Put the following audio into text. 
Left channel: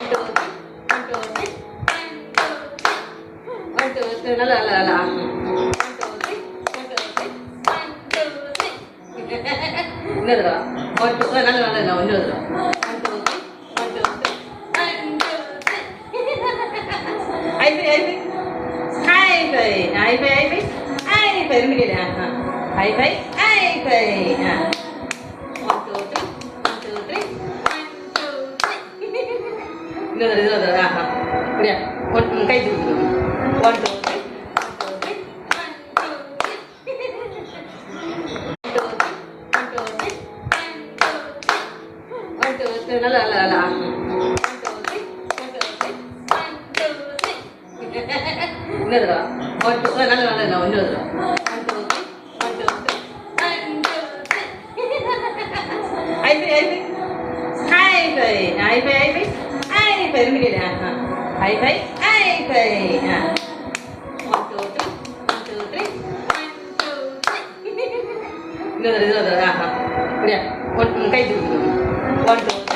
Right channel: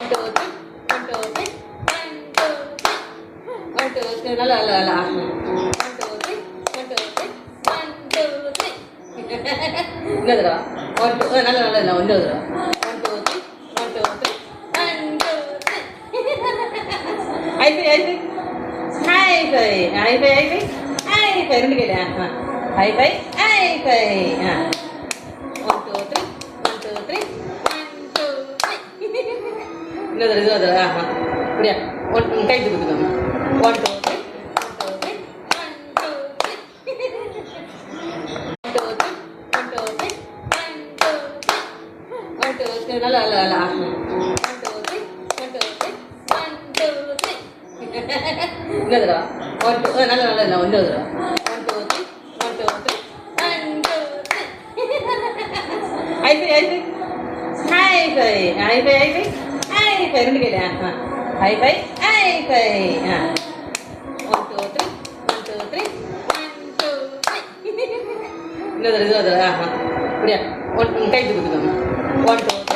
1 2 3 1 2 3 1 2 3 நல்லா நல்லா நல்லா 1 2 3 1 2 3 1 2 3 இங்க தரா 1 2 நல்லா நல்லா நல்லா 1 தரா 1 2 3 1 2 3 1 2 3 ஹை ஃபை ரெண்டு கேளு ஹை ஃபை 1 2 3 1 2 3 1 2 3 இந்த தடவை அப்படியா கை கொடுத்துக்கோங்க 1 2 3 நல்லா நல்லா நல்லா 1 2 3 1 2 3 இங்க தடவை 1 2 நல்லா நல்லா நல்லா 1 தடவை 1 2 3 1 2 3 ஹை ஃபை ரெண்டு கேளு ஹை ஃபை 1 2 3 1 2 3 இந்த தடவை அப்படியா கை கொடுத்துக்கோங்க 1 2 3